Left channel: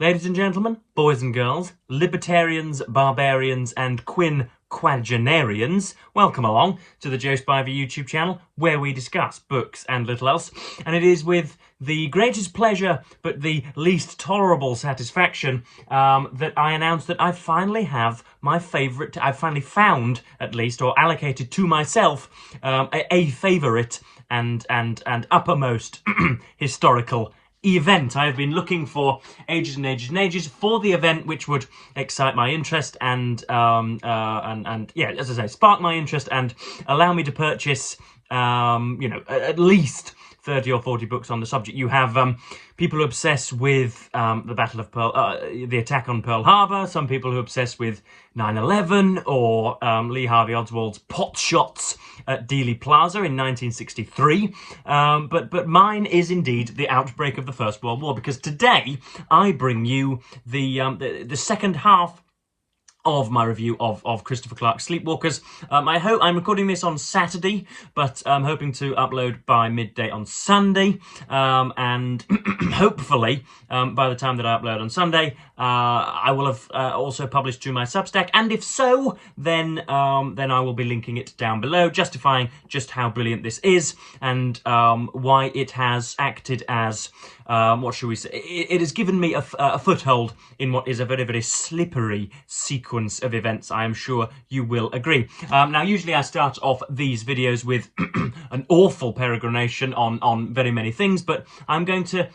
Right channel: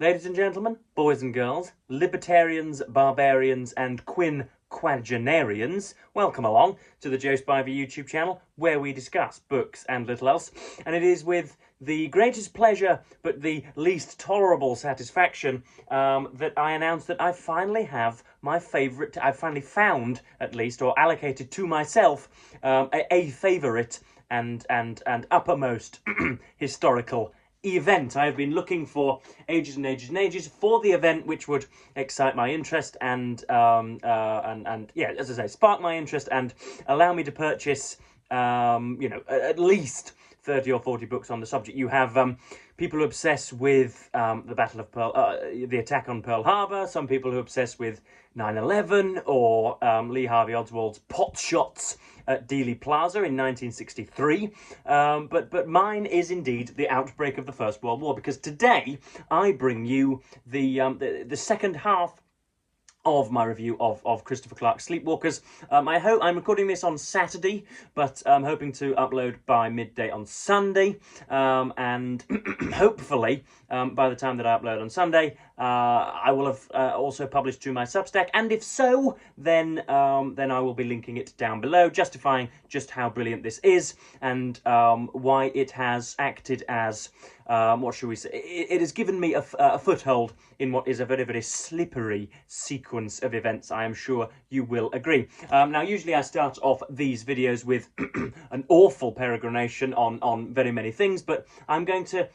Ladies and gentlemen, boys and girls, libertarians, barbarians, and quinquagenarians, welcome along to the Joe Spivey YouTube channel, where we discuss books and little else. And it is with the greatest pleasure, but the least tolerable satisfaction, that I announce that I finally have my favourite, I've finally found, at least, or allocated to myself, a favourite and uppermost historical event. I have been looking for ages and ages and ages for the event which would excite my interest and yeah, as I say, spark my interest and allow me to purchase you know, at least 30 or 40 books on the subject. You have people who obsess with the Battle of the attack on Pearl Harbor, some people who obsess with 9/11 or Lee Harvey Oswald's pot shots at Dealey Plaza in 1963. But mine is indeed the outbreak of the First World War, because today I bring you the second half of my review of Christopher Clark's Sleepwalkers. I'm recording this on Saturday, but I'm hoping to upload by midday on Sunday, and hopefully by the time that I upload on Sunday, I will have also published to my Substack, and if so, then I will be linking it down below, justifying just how brilliant this is and why it has acted as what should we say? It has given me a foothold in what is a very, very slippery sequence of events. I am sure you will agree. Now, usually I start off these videos with an awful peregrination on very many things, but I'm going to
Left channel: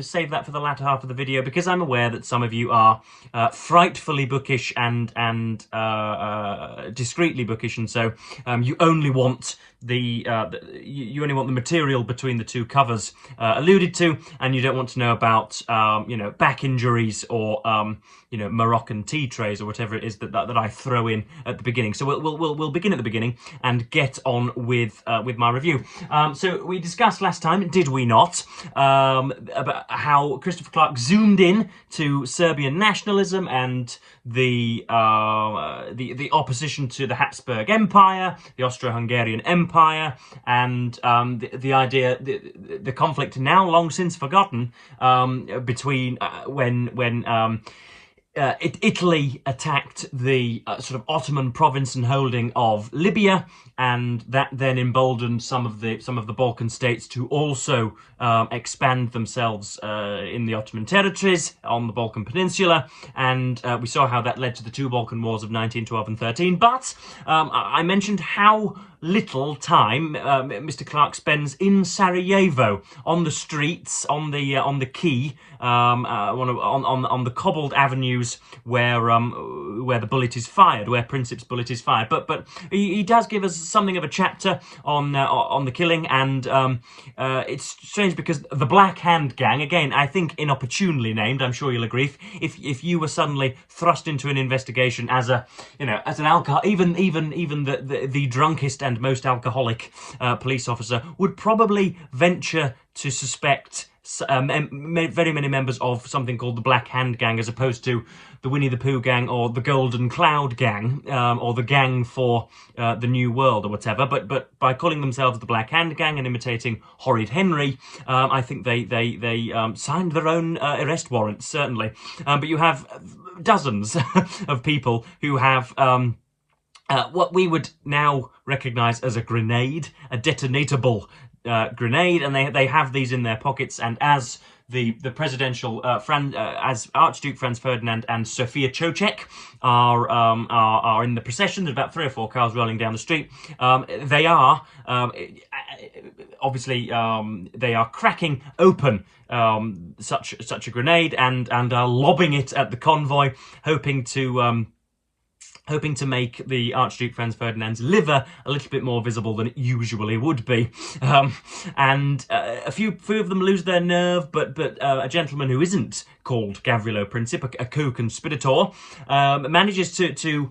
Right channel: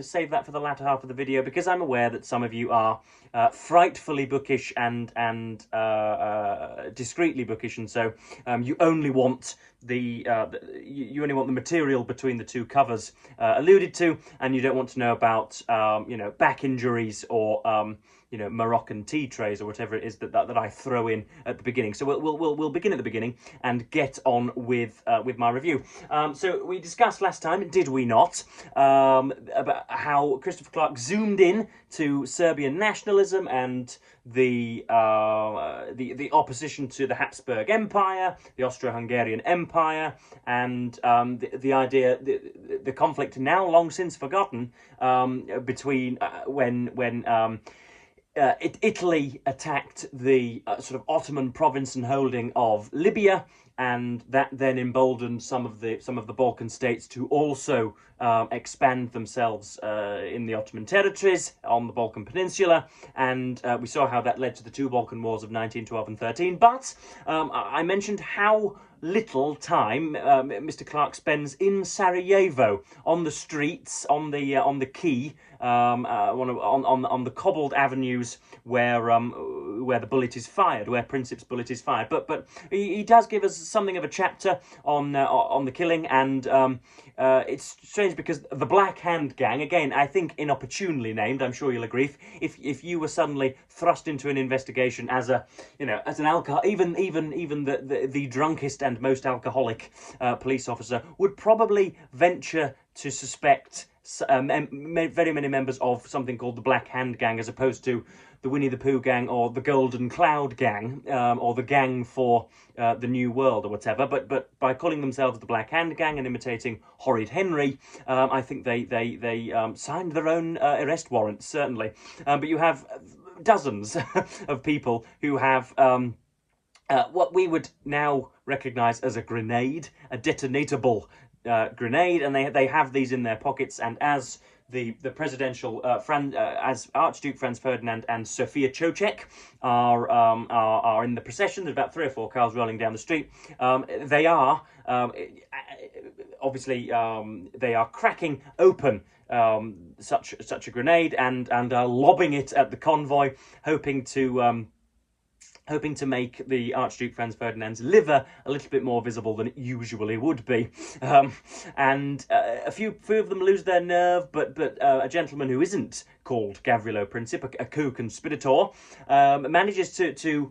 save that for the latter half of the video, because I'm aware that some of you are frightfully bookish and discreetly bookish, and so you only want the material between the two covers alluded to, and you don't want to know about you know, back injuries or you know, Moroccan tea trays or whatever it is that I throw in at the beginning. So we'll begin at the beginning and get on with my review. So we discussed last time, did we not, about how Christopher Clark zoomed in to Serbian nationalism and the opposition to the Habsburg Empire, the Austro-Hungarian Empire, and the idea, the conflict now long since forgotten, between when Italy attacked the sort of Ottoman province and holding of Libya, and that then emboldened some of the Balkan states to also expand themselves in the Ottoman territories on the Balkan Peninsula, and we saw how that led to the two Balkan Wars of 1912 and 13. But I mentioned how little time Mr. Clark spends in Sarajevo, on the streets, on the quay, on the cobbled avenues where the bullet is fired, where Princip's bullet is fired. But he does give us something of a chapter on the killing, and it's strange because the Black Hand Gang, again, I think inopportunely named, I'm sure you'll agree, if you were suddenly thrust into an investigation as an alcohol, even the drunkest and most alcoholic police officer would probably venture to suspect very many members of something called the Black Hand Gang, as opposed to the Winnie the Pooh Gang or the Golden Cloud Gang, or the Gang for the New World or whatever. But by calling themselves the Black Hand Gang and imitating Horrid Henry, I think they signed their own arrest warrants, certainly. But you have dozens of people who have what we would now recognise as a grenade, a detonatable grenade, and they have these in their pockets. And as the presidential as Archduke Franz Ferdinand and Sophia Chochek are in the procession, there's about 3 or 4 cars rolling down the street. They are obviously they are cracking open such a grenade and are lobbing it at the convoy, hoping to make the Archduke Franz Ferdinand's liver a little bit more visible than it usually would be. And a few of them lose their nerve, but a gentleman who isn't called Gavrilo Princip, a co-conspirator, manages to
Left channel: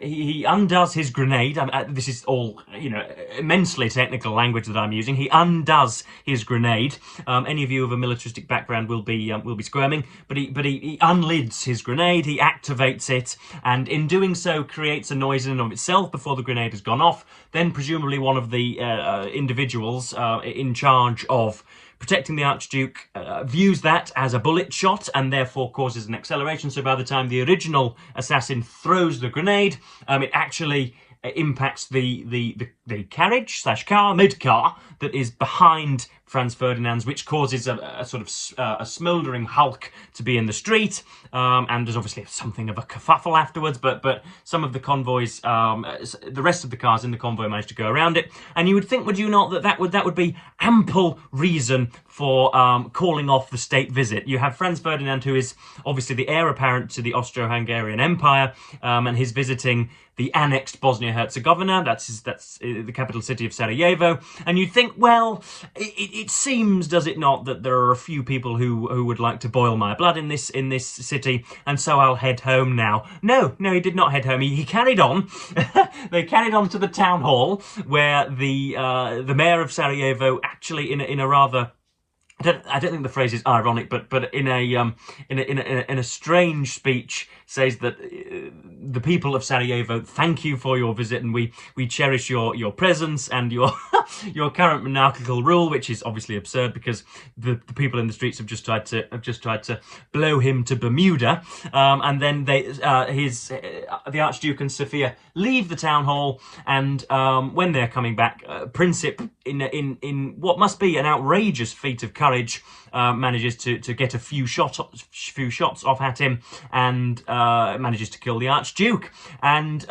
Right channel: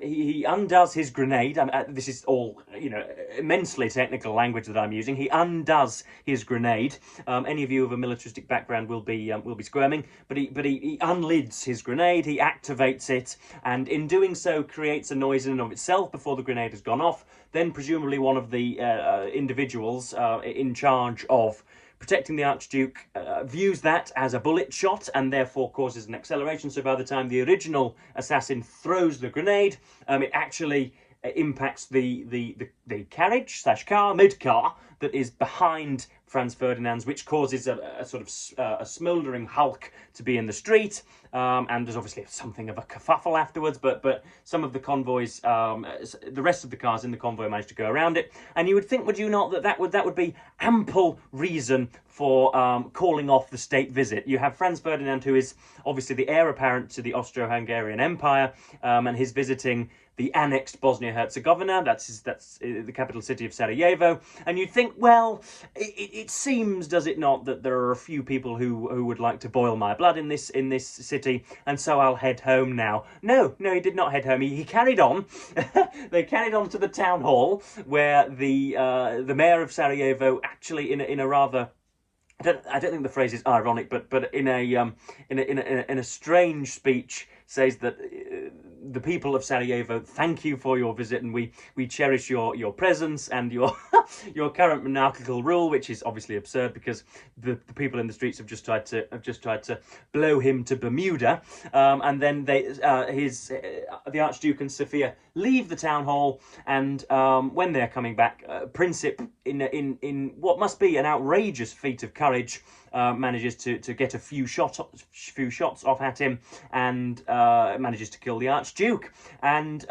he undoes his grenade. This is all, you know, immensely technical language that I'm using. He undoes his grenade. Any of you of a militaristic background will be squirming, but he unlids his grenade. He activates it, and in doing so creates a noise in and of itself before the grenade has gone off. Then presumably one of the individuals in charge of protecting the Archduke views that as a bullet shot and therefore causes an acceleration. So by the time the original assassin throws the grenade, it actually impacts the carriage / car, mid-car, that is behind Franz Ferdinand's, which causes a sort of a smouldering hulk to be in the street, and there's obviously something of a kerfuffle afterwards, but some of the convoys, the rest of the cars in the convoy managed to go around it, and you would think, would you not, that would be ample reason for calling off the state visit. You have Franz Ferdinand, who is obviously the heir apparent to the Austro-Hungarian Empire, and he's visiting the annexed Bosnia-Herzegovina. That's the capital city of Sarajevo. And you'd think, well, it seems, does it not, that there are a few people who would like to boil my blood in this city, and so I'll head home now. No, he did not head home. He carried on. They carried on to the town hall, where the mayor of Sarajevo, actually in a rather, I don't think the phrase is ironic, but in a strange speech, says that the people of Sarajevo thank you for your visit, and we cherish your presence and your your current monarchical rule, which is obviously absurd because the people in the streets have just tried to blow him to Bermuda, and then the Archduke and Sophia leave the town hall, and when they're coming back, Princip, in what must be an outrageous feat of courage, manages to get a few shots off at him, and manages to kill the Archduke. And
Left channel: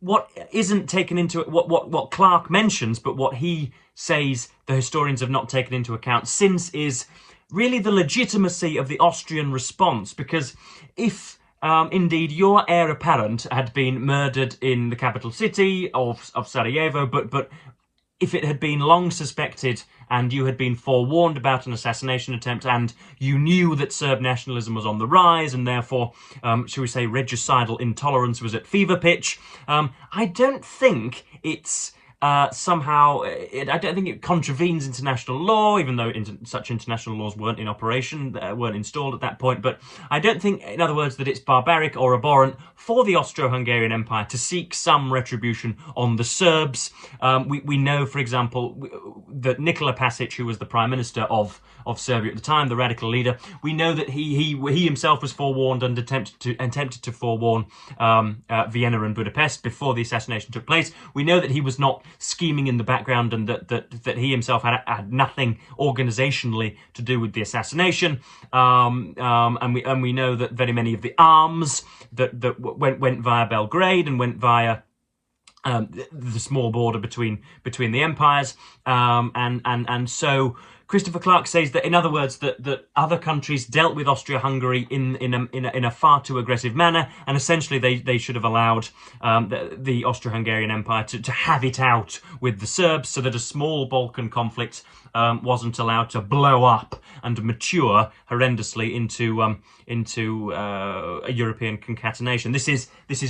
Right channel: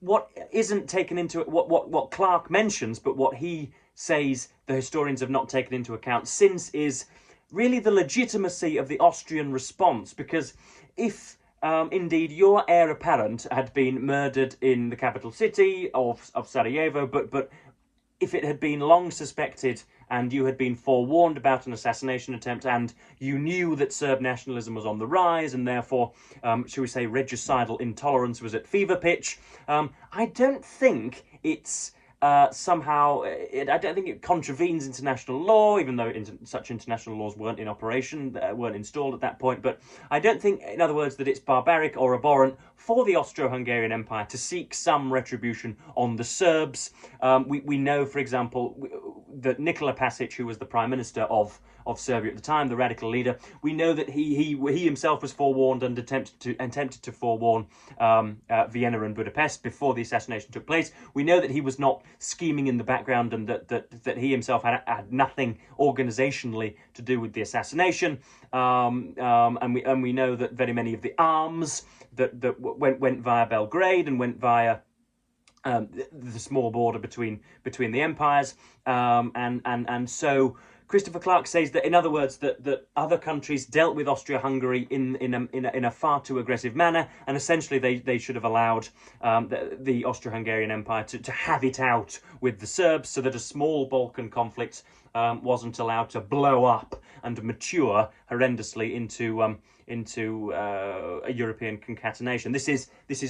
what isn't taken into what Clarke mentions, but what he says the historians have not taken into account since, is really the legitimacy of the Austrian response. Because if indeed your heir apparent had been murdered in the capital city of Sarajevo, but if it had been long suspected and you had been forewarned about an assassination attempt, and you knew that Serb nationalism was on the rise, and therefore, shall we say, regicidal intolerance was at fever pitch, I don't think it's I don't think it contravenes international law, even though such international laws weren't in operation, weren't installed at that point. But I don't think, in other words, that it's barbaric or abhorrent for the Austro-Hungarian Empire to seek some retribution on the Serbs. We know, for example, that Nikola Pasic, who was the Prime Minister of Serbia at the time, the radical leader, we know that he himself was forewarned and attempted to forewarn Vienna and Budapest before the assassination took place. We know that he was not scheming in the background, and that he himself had nothing organisationally to do with the assassination. And we know that very many of the arms that went via Belgrade and went via the small border between the empires, and so Christopher Clarke says that, in other words, that other countries dealt with Austria-Hungary in a far too aggressive manner, and essentially they should have allowed the Austro-Hungarian Empire to have it out with the Serbs, so that a small Balkan conflict wasn't allowed to blow up and mature horrendously into a European concatenation. This is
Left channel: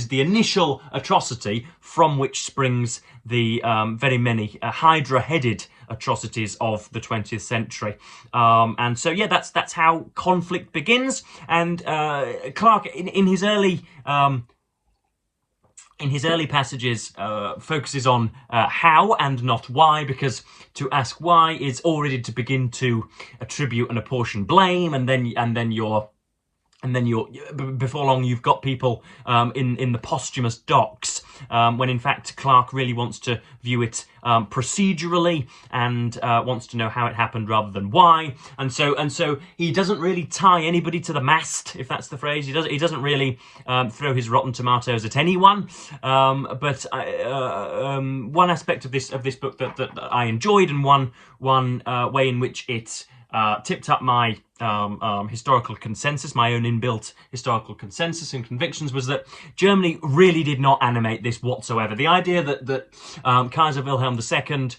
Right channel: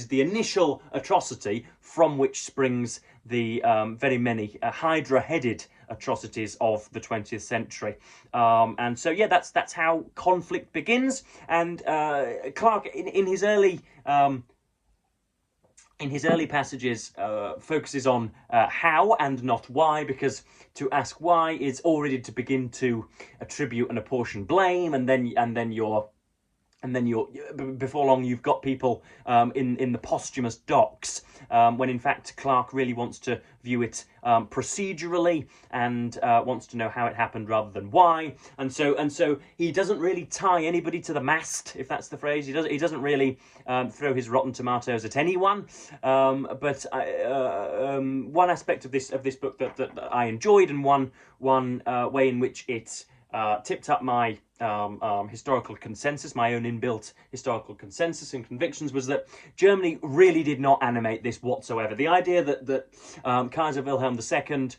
the initial atrocity from which springs the very many Hydra-headed atrocities of the 20th century. And so, yeah, that's how conflict begins. And Clarke, in his early passages, focuses on how and not why, because to ask why is already to begin to attribute and apportion blame, and then you're before long you've got people in the posthumous docks, when in fact Clarke really wants to view it procedurally, and wants to know how it happened rather than why. And so he doesn't really tie anybody to the mast, if that's the phrase. He doesn't really throw his rotten tomatoes at anyone. But one aspect of this book that I enjoyed, and one way in which it tipped up my historical consensus, my own inbuilt historical consensus and convictions, was that Germany really did not animate this whatsoever. The idea that Kaiser Wilhelm II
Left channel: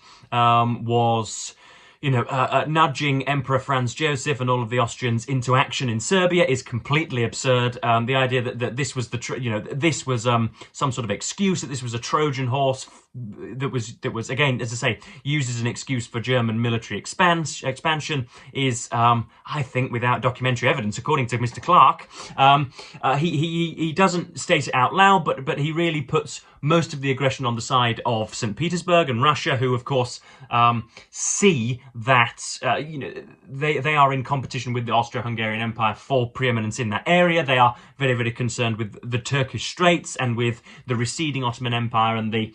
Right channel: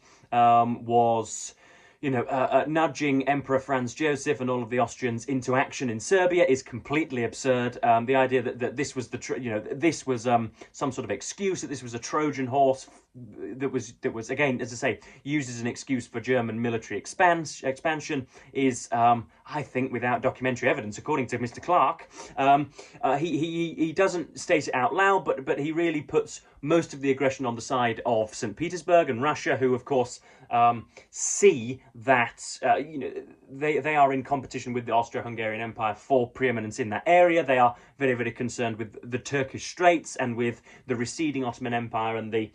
was, nudging Emperor Franz Joseph and all of the Austrians into action in Serbia is completely absurd. The idea that this was this was some sort of excuse, that this was a Trojan horse that was again, as I say, used as an excuse for German military expansion is, I think, without documentary evidence, according to Mr. Clark. He doesn't state it out loud, but he really puts most of the aggression on the side of St. Petersburg and Russia, who, of course, see that they are in competition with the Austro-Hungarian Empire for preeminence in that area. They are very, very concerned with the Turkish Straits and with the receding Ottoman Empire and the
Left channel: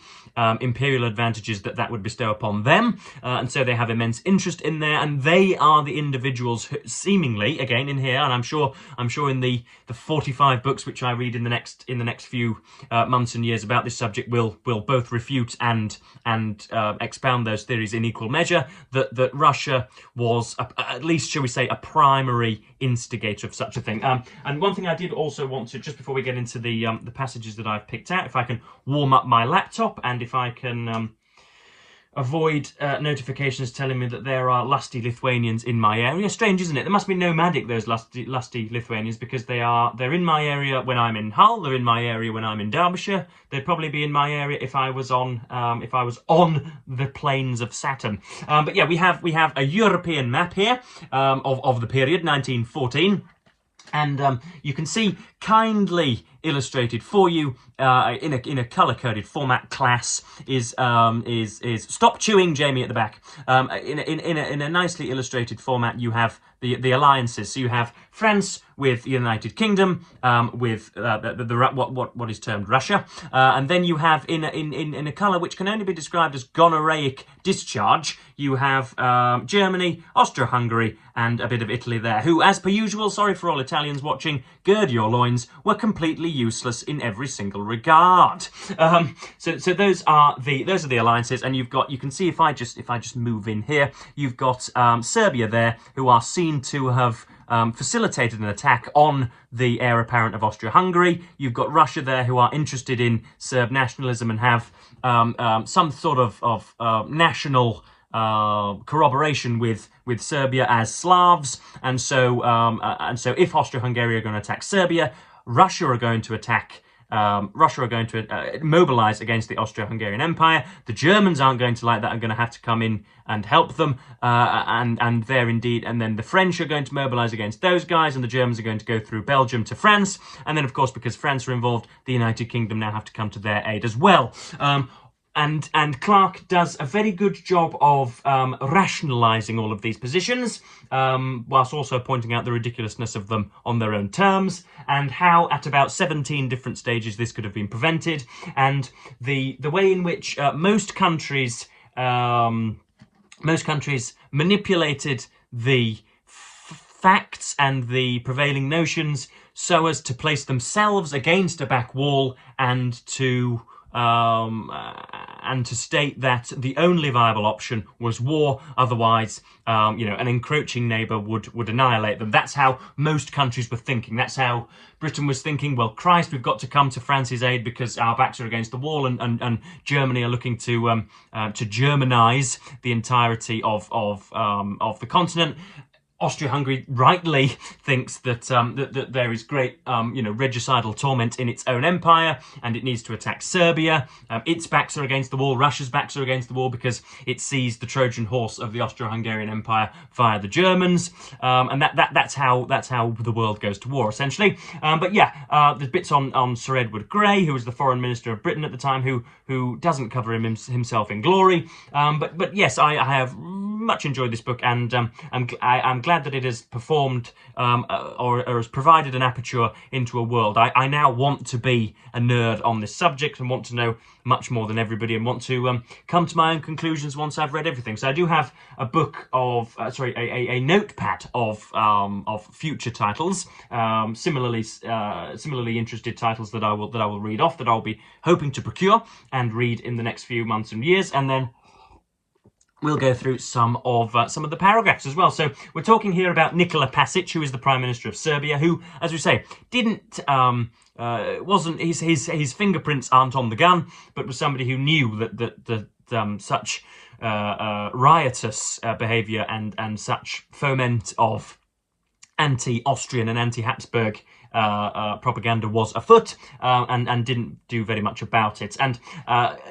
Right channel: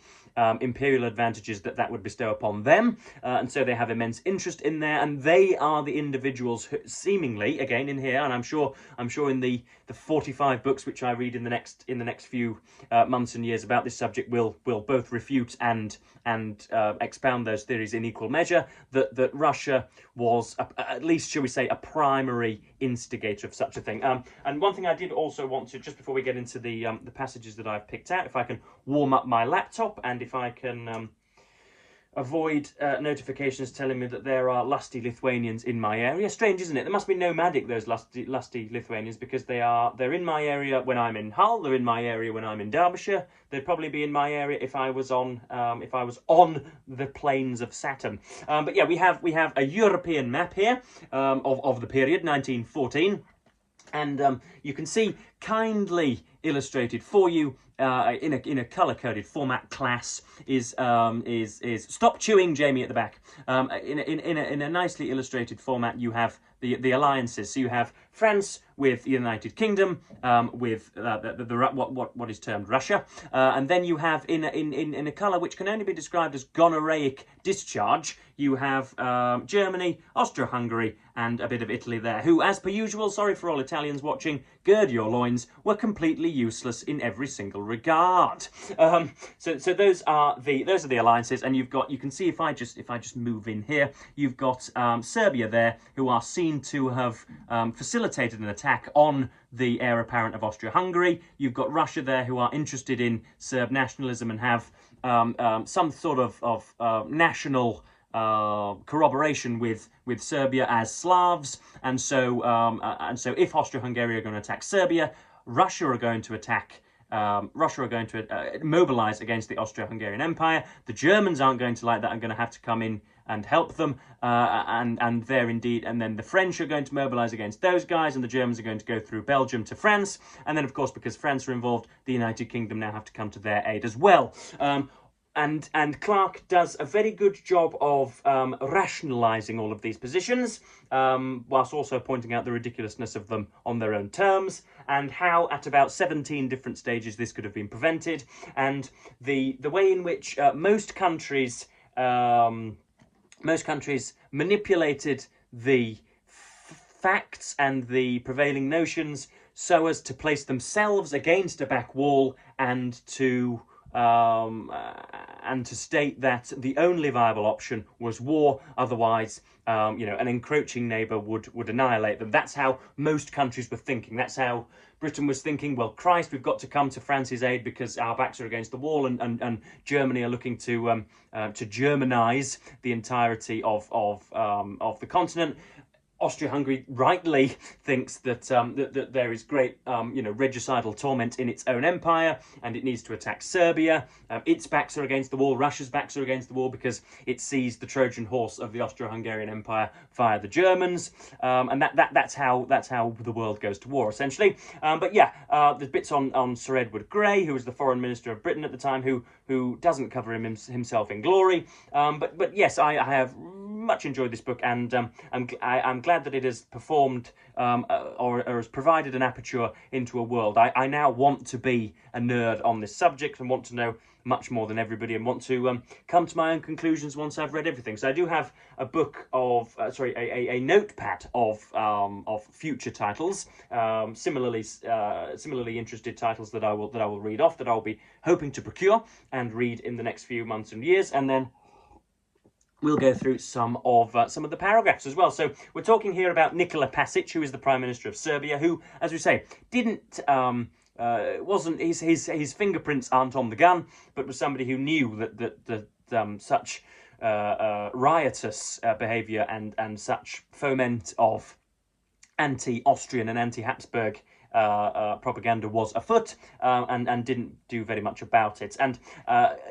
imperial advantages that would bestow upon them, and so they have immense interest in there. And they are the individuals who, seemingly, again in here, and I'm sure in the 45 books which I read in the next few months and years about this subject will both refute and expound those theories in equal measure, that Russia was at least, shall we say, a primary instigator of such a thing. And one thing I did also want to, just before we get into the passages that I've picked out, if I can warm up my laptop and if I can avoid notifications telling me that there are lusty Lithuanians in my area. Strange, isn't it? They must be nomadic, those lusty Lithuanians, because they're in my area when I'm in Hull. They're in my area when I'm in Derbyshire. They'd probably be in my area if I was on the plains of Saturn. But yeah, we have a European map here of the period 1914. And you can see, kindly illustrated for you in a colour-coded format, class is stop chewing, Jamie, at the back. In a nicely illustrated format, you have the alliances. So you have France with the United Kingdom, with what is termed Russia, and then you have in a colour which can only be described as gonorrheic discharge, you have Germany, Austro-Hungary, and a bit of Italy there, who, as per usual, sorry for all Italians watching, gird your loins, were completely useless in every single regard. So those are the alliances, and you can see if I just move in here, you've got Serbia there, who are seen to have facilitated an attack on the heir apparent of Austria-Hungary. You've got Russia there, who are interested in Serb nationalism and have some sort of national corroboration with Serbia as Slavs, and so if Austria-Hungary are going to attack Serbia, Russia are going to mobilize against the Austro-Hungarian Empire. The Germans aren't going to like that, are going to have to come in and help them, and there indeed, and then the French are going to mobilize against those guys, and the Germans are going to go through Belgium to France, and then of course, because France are involved, the United Kingdom now have to come to their aid as well. And Clark does a very good job of rationalising all of these positions, whilst also pointing out the ridiculousness of them on their own terms, and how at about 17 different stages this could have been prevented, and the way in which most countries manipulated the facts and the prevailing notions so as to place themselves against a back wall and to state that the only viable option was war. Otherwise, an encroaching neighbour would annihilate them. That's how most countries were thinking. That's how Britain was thinking. Well, Christ, we've got to come to France's aid because our backs are against the wall, and Germany are looking to Germanise the entirety of the continent. Austria-Hungary rightly thinks that that there is great, regicidal torment in its own empire, and it needs to attack Serbia. Its backs are against the wall. Russia's backs are against the wall because it sees the Trojan horse of the Austro-Hungarian Empire via the Germans, and that's how the world goes to war, essentially. But yeah, there's bits on Sir Edward Grey, who was the Foreign Minister of Britain at the time, who doesn't cover himself in glory. But yes, I have much enjoyed this book, and I'm glad that it has performed or has provided an aperture into a world. I now want to be a nerd on this subject and want to know much more than everybody, and want to come to my own conclusions once I've read everything. So I do have a book of a notepad of future titles, similarly interested titles that I will read off, that I'll be hoping to procure and read in the next few months and years, and then we'll go through some of the paragraphs as well. So we're talking here about Nikola Pasic, who is the Prime Minister of Serbia, who, as we say, wasn't his fingerprints aren't on the gun, but was somebody who knew that such riotous behaviour and such foment of anti-Austrian and anti-Habsburg propaganda was afoot, and didn't do very much about it. And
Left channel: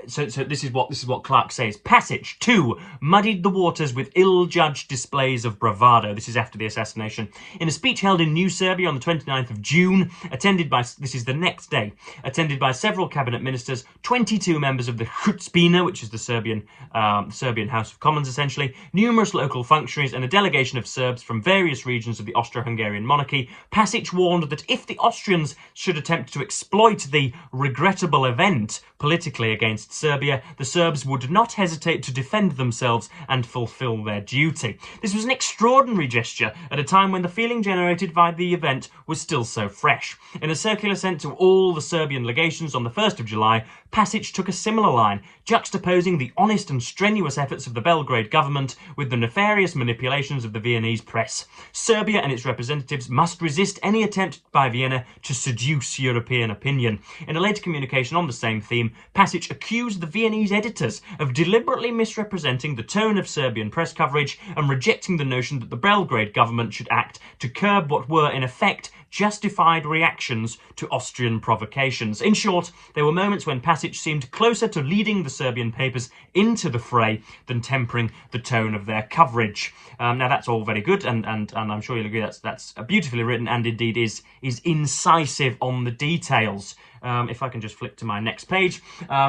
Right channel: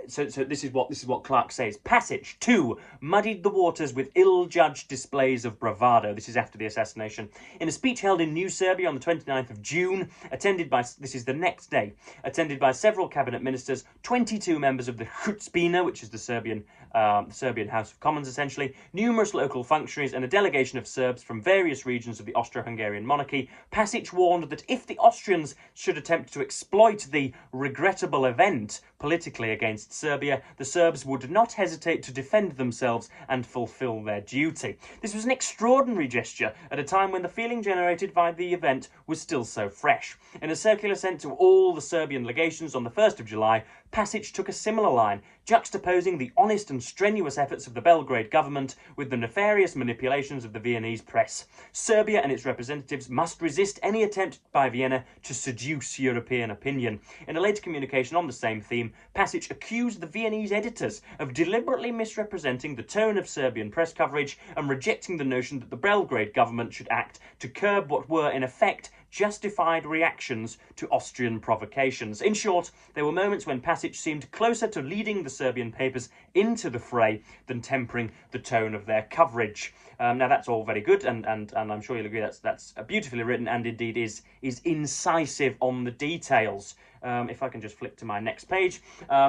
so this is what Clark says. Passage 2 muddied the waters with ill-judged displays of bravado. This is after the assassination. In a speech held in New Serbia on the 29th of June, attended by, this is the next day, attended by several cabinet ministers, 22 members of the Skupština, which is the Serbian House of Commons essentially, numerous local functionaries, and a delegation of Serbs from various regions of the Austro-Hungarian monarchy, Passage warned that if the Austrians should attempt to exploit the regrettable event politically against Serbia, the Serbs would not hesitate to defend themselves and fulfill their duty. This was an extraordinary gesture at a time when the feeling generated by the event was still so fresh. In a circular sent to all the Serbian legations on the 1st of July, Passage took a similar line, juxtaposing the honest and strenuous efforts of the Belgrade government with the nefarious manipulations of the Viennese press. Serbia and its representatives must resist any attempt by Vienna to seduce European opinion. In a later communication on the same theme, Passage accused the Viennese editors of deliberately misrepresenting the tone of Serbian press coverage and rejecting the notion that the Belgrade government should act to curb what were, in effect, justified reactions to Austrian provocations. In short, there were moments when Passage seemed closer to leading the Serbian papers into the fray than tempering the tone of their coverage. Now that's all very good, and I'm sure you'll agree that's beautifully written and indeed is incisive on the details. If I can just flip to my next page.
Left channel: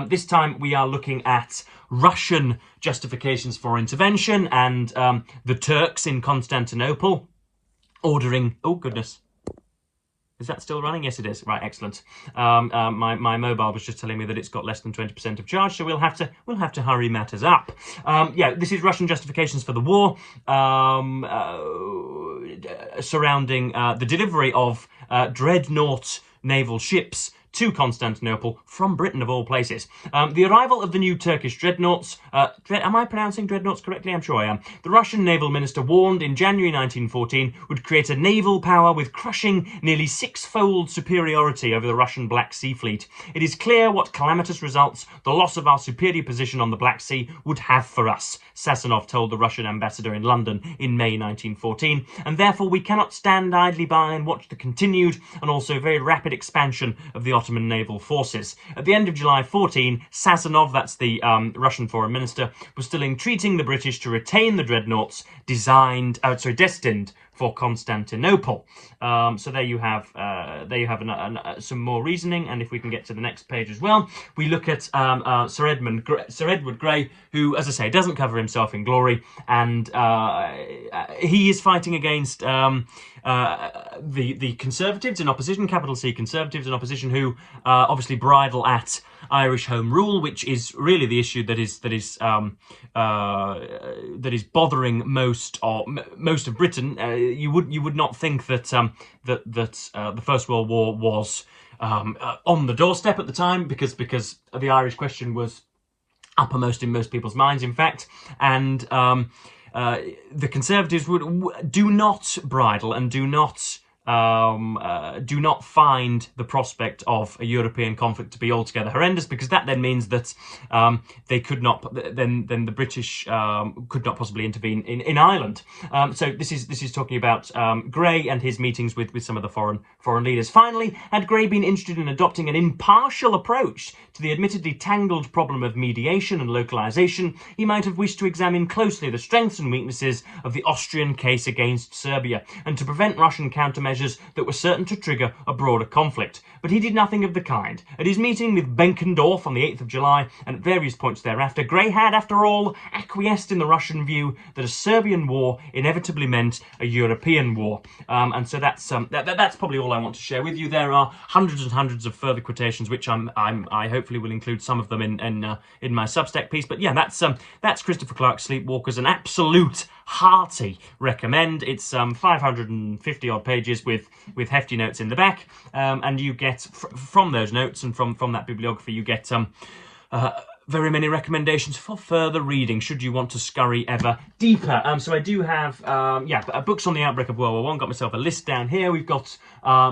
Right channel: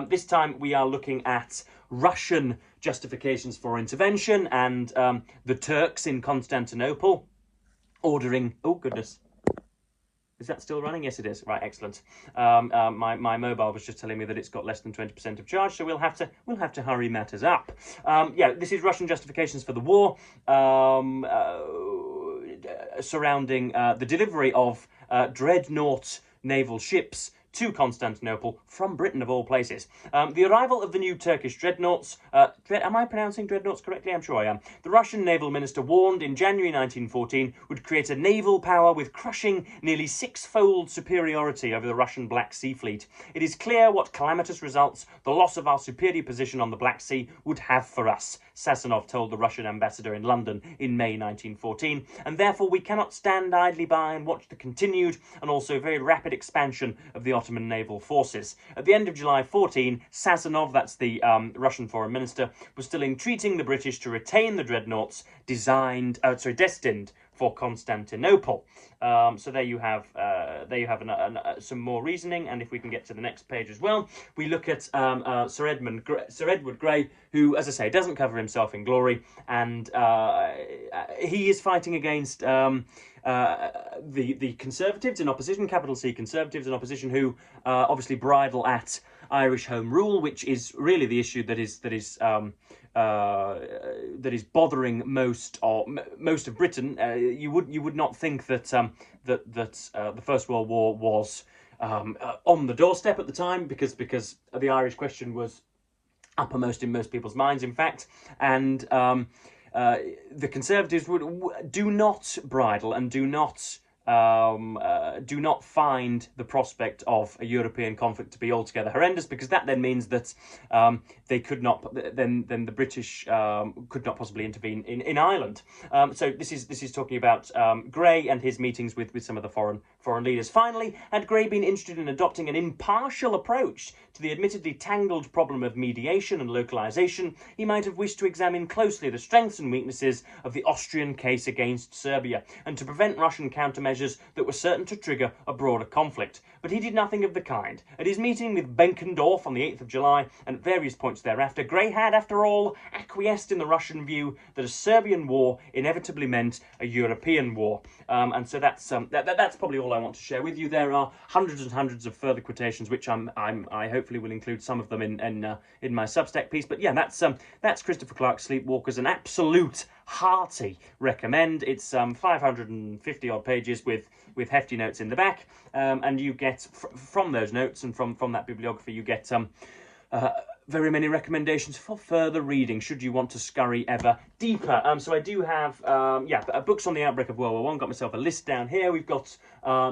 This time we are looking at Russian justifications for intervention and the Turks in Constantinople ordering... Oh, goodness. Is that still running? Yes, it is. Right, excellent. My mobile was just telling me that it's got less than 20% of charge, so we'll have to hurry matters up. Yeah, this is Russian justifications for the war surrounding the delivery of dreadnought naval ships to Constantinople from Britain, of all places. The arrival of the new Turkish dreadnoughts... am I pronouncing dreadnoughts correctly? I'm sure I am. The Russian naval minister warned in January 1914 would create a naval power with crushing, nearly six-fold superiority over the Russian Black Sea fleet. It is clear what calamitous results the loss of our superior position on the Black Sea would have for us, Sassanov told the Russian ambassador in London in May 1914, and therefore we cannot stand idly by and watch the continued and also very rapid expansion of the Ottoman naval forces. At the end of July 14, Sassanov, that's the Russian foreign minister, was still entreating the British to retain the dreadnoughts destined for Constantinople. So there you have some more reasoning, and if we can get to the next page as well, we look at Sir Edward Grey, who, as I say, doesn't cover himself in glory, and he is fighting against the Conservatives in opposition, capital C Conservatives in opposition, who obviously bridle at Irish Home Rule, which is really the issue that is bothering most of Britain. You would not think that the First World War was on the doorstep at the time, because the Irish question was uppermost in most people's minds, in fact, and the Conservatives do not bridle and do not find the prospect of a European conflict to be altogether horrendous, because that then means that they could not, then the British could not possibly intervene in Ireland. So this is talking about Grey and his meetings with some of the foreign leaders. Finally, had Grey been interested in adopting an impartial approach to the admittedly tangled problem of mediation and localization, he might have wished to examine closely the strengths and weaknesses of the Austrian case against Serbia, and to prevent Russian countermeasures that were certain to trigger a broader conflict. But he did nothing of the kind. At his meeting with Benkendorf on the 8th of July, and at various points thereafter, Grey had, after all, acquiesced in the Russian view that a Serbian war inevitably meant a European war. And so that's probably all I want to share with you. There are hundreds and hundreds of further quotations, which I hopefully will include some of them in my Substack piece. But yeah, that's Christopher Clark's Sleepwalkers, an absolute hearty recommend. It's 550 odd pages with hefty notes in the back, and you get from those notes and from that bibliography you get very many recommendations for further reading should you want to scurry ever deeper. So I do have books on the outbreak of World War I. Got myself a list down here. We've got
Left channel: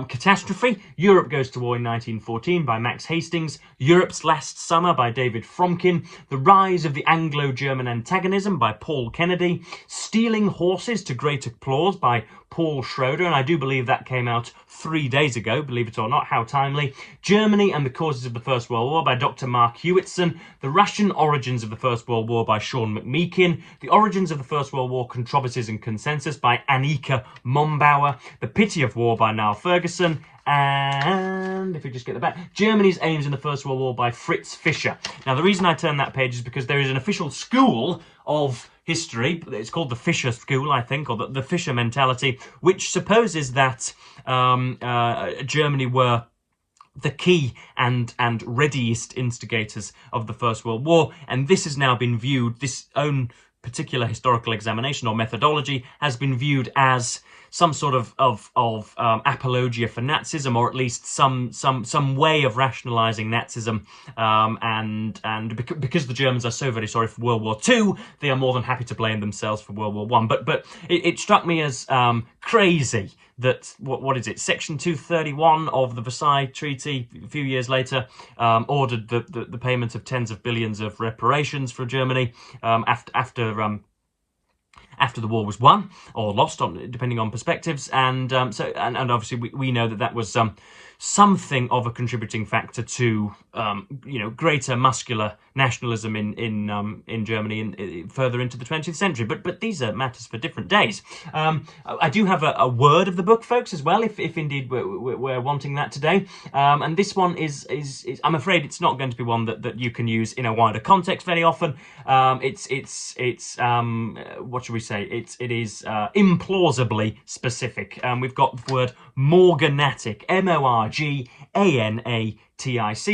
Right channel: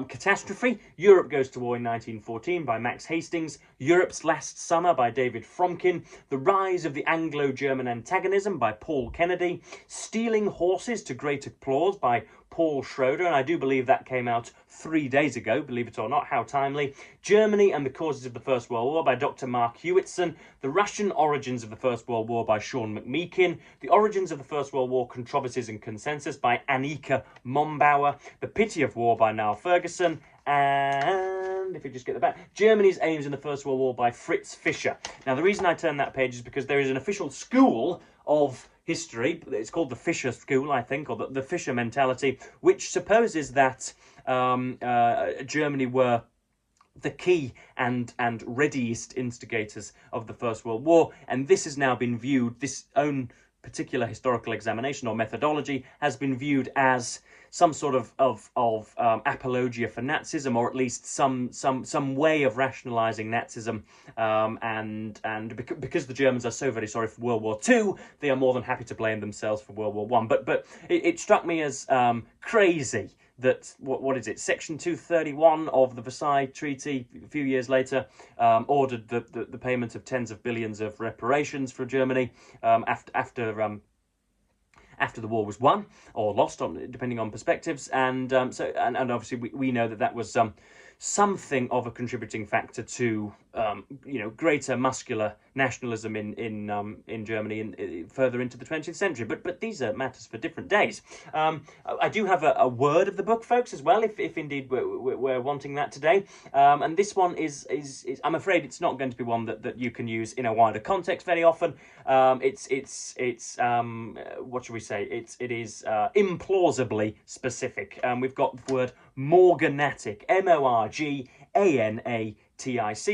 Catastrophe, Europe Goes to War in 1914 by Max Hastings, Europe's Last Summer by David Fromkin, The Rise of the Anglo-German Antagonism by Paul Kennedy, Stealing Horses to Great Applause by Paul Schroeder, and I do believe that came out 3 days ago, believe it or not, how timely. Germany and the Causes of the First World War by Dr. Mark Hewitson. The Russian Origins of the First World War by Sean McMeekin. The Origins of the First World War, Controversies and Consensus by Annika Mombauer. The Pity of War by Niall Ferguson. And if we just get the back, Germany's Aims in the First World War by Fritz Fischer. Now, the reason I turned that page is because there is an official school of history. It's called the Fischer School, I think, or the Fischer mentality, which supposes that Germany were the key and readiest instigators of the First World War, and this has now been viewed, this own particular historical examination or methodology has been viewed as some sort of apologia for Nazism, or at least some way of rationalising Nazism, and because the Germans are so very sorry for World War II, they are more than happy to blame themselves for World War I. But it struck me as crazy that what is it? Section 231 of the Versailles Treaty, a few years later, ordered the payment of tens of billions of reparations for Germany after the war was won or lost, depending on perspectives, and obviously we know that was something of a contributing factor to greater muscular nationalism in Germany further into the 20th century. But these are matters for different days. I do have a word of the book, folks, as well, if indeed we're wanting that today. And this one is I'm afraid it's not going to be one that you can use in a wider context very often. It's what should we say? It is implausibly specific. We've got the word morganatic, M-O-R-G-A-N-A-T-I-C,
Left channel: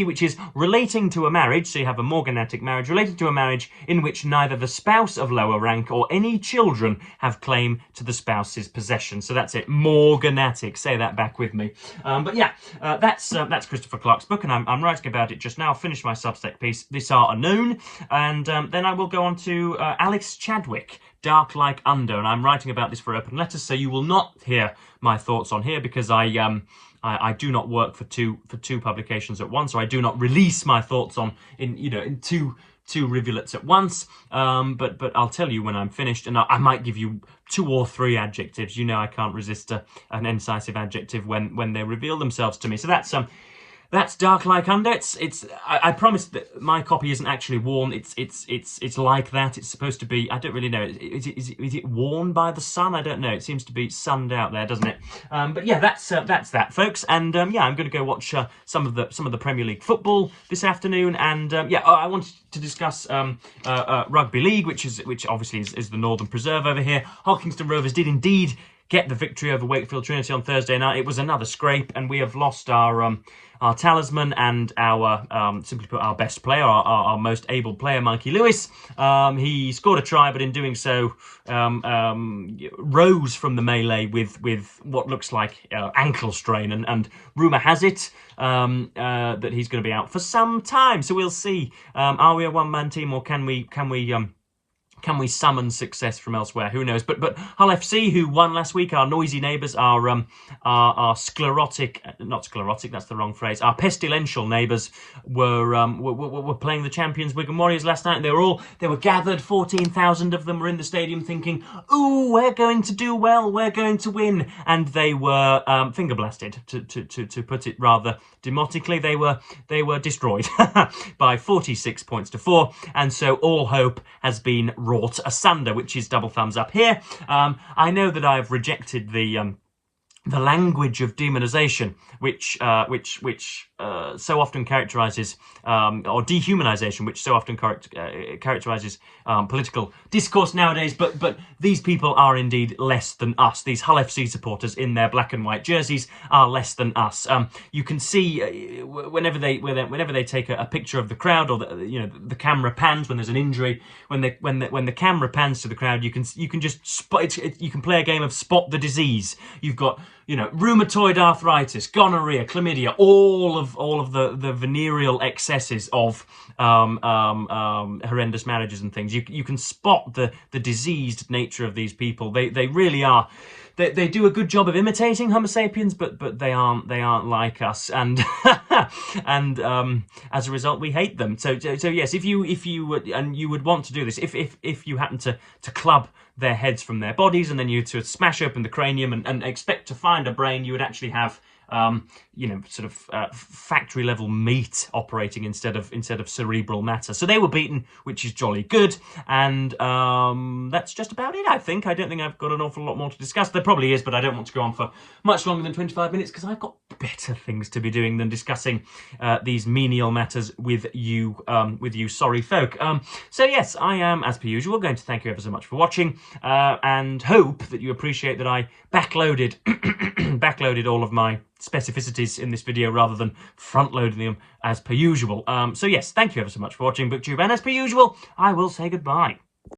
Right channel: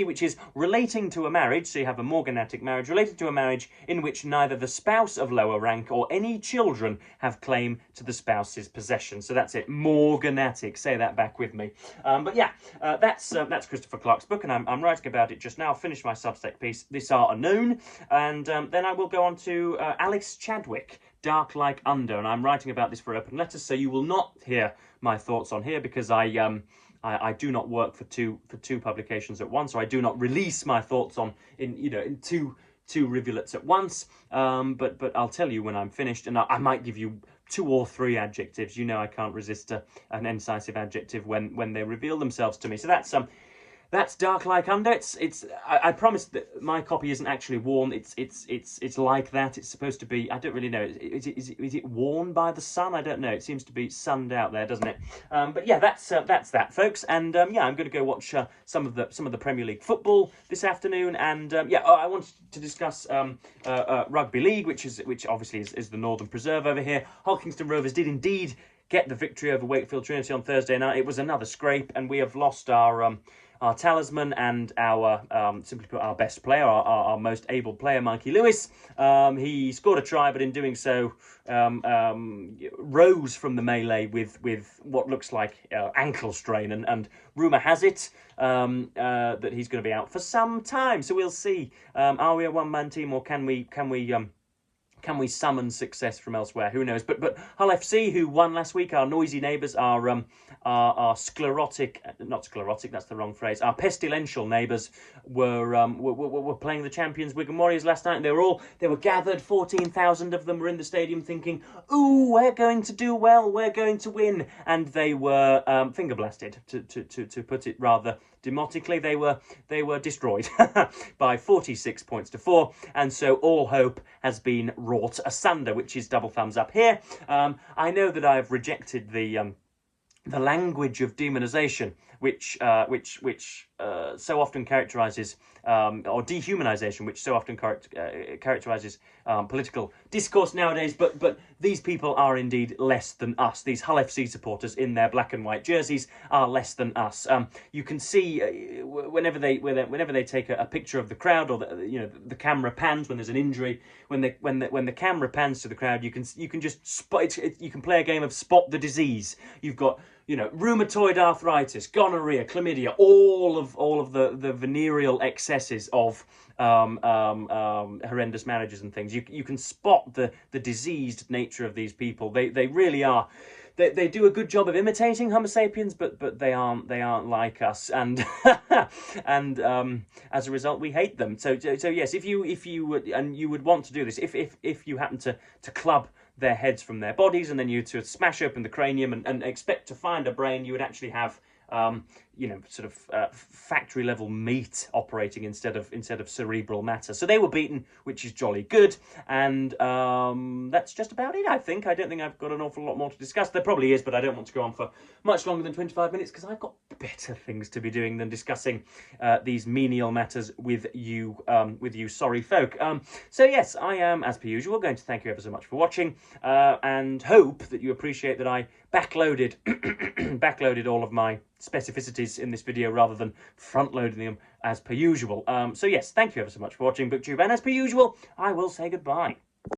which is relating to a marriage. So you have a morganatic marriage, relating to a marriage in which neither the spouse of lower rank or any children have claim to the spouse's possession. So that's it, morganatic. Say that back with me. But yeah, that's Christopher Clark's book, and I'm writing about it just now. I'll finish my Substack piece, This Art Unknown, and then I will go on to Alex Chadwick, Dark Like Under, and I'm writing about this for Open Letters, so you will not hear my thoughts on here because I do not work for two publications at once, or I do not release my thoughts in two rivulets at once. But I'll tell you when I'm finished, and I might give you 2 or 3 adjectives. You know I can't resist an incisive adjective when they reveal themselves to me. So that's Dark Like Under. I promise that my copy isn't actually worn. It's like that. It's supposed to be. I don't really know. Is it worn by the sun? I don't know. It seems to be sunned out there, doesn't it? But yeah, that's that, folks. And yeah, I'm going to go watch some of the Premier League football this afternoon. And yeah, I wanted to discuss rugby league, which obviously is the Northern Preserve over here. Hulkingston Rovers did indeed get the victory over Wakefield Trinity on Thursday night. It was another scrape, and we have lost our talisman and our, simply put, our best player, our most able player, Mikey Lewis. He scored a try, but in doing so, rose from the melee with what looks like ankle strain, and rumour has it that he's going to be out for some time. So we'll see. Are we a one-man team, or can we summon success from elsewhere? Who knows? But Hull FC, who won last week, our noisy neighbours, our sclerotic, not sclerotic, that's the wrong phrase, our pestilential neighbours were playing the champions Wigan Warriors last night. They were gathered, 14,000 of them were in the stadium thinking, ooh, we're going to do well, we're going to win. And they were finger blasted, to put it rather demotically. They were destroyed by 46 points to 4, and so all hope has been wrought asunder, which is double thumbs up here. I know that I've rejected the language of demonization, which so often characterizes, or dehumanization, which so often characterizes political discourse nowadays. But these people are indeed less than us. These Hull FC supporters in their black and white jerseys are less than us. You can see whenever they take a picture of the crowd, or the camera pans when there's an injury. When the camera pans to the crowd, you can just spot. You can play a game of spot the disease. You've got rheumatoid arthritis, gonorrhea, chlamydia, all of the venereal excesses of horrendous marriages and things. You can spot the diseased nature of these people. They really are they do a good job of imitating Homo sapiens, but they aren't like us, and and as a result, we hate them. So yes, if you would, and you would want to do this, if you happen to club their heads from their bodies, and then you to smash open the cranium and expect to find a brain, you would actually have you know, sort of factory level meat operating instead of cerebral matter. So they were beaten, which is jolly good, and that's just about it, I think. I don't think I've got an awful lot more to discuss. There probably is, but I don't want to go on for much longer than 25 minutes because I've got better things to be doing than discussing these menial matters with you sorry folk. So yes, I am, as per usual, going to thank you ever so much for watching, and hope that you appreciate that I backloaded backloaded all of my specificities in this video rather than front-loading them as per usual. So yes, thank you ever so much for watching BookTube, and as per usual, I will say goodbye.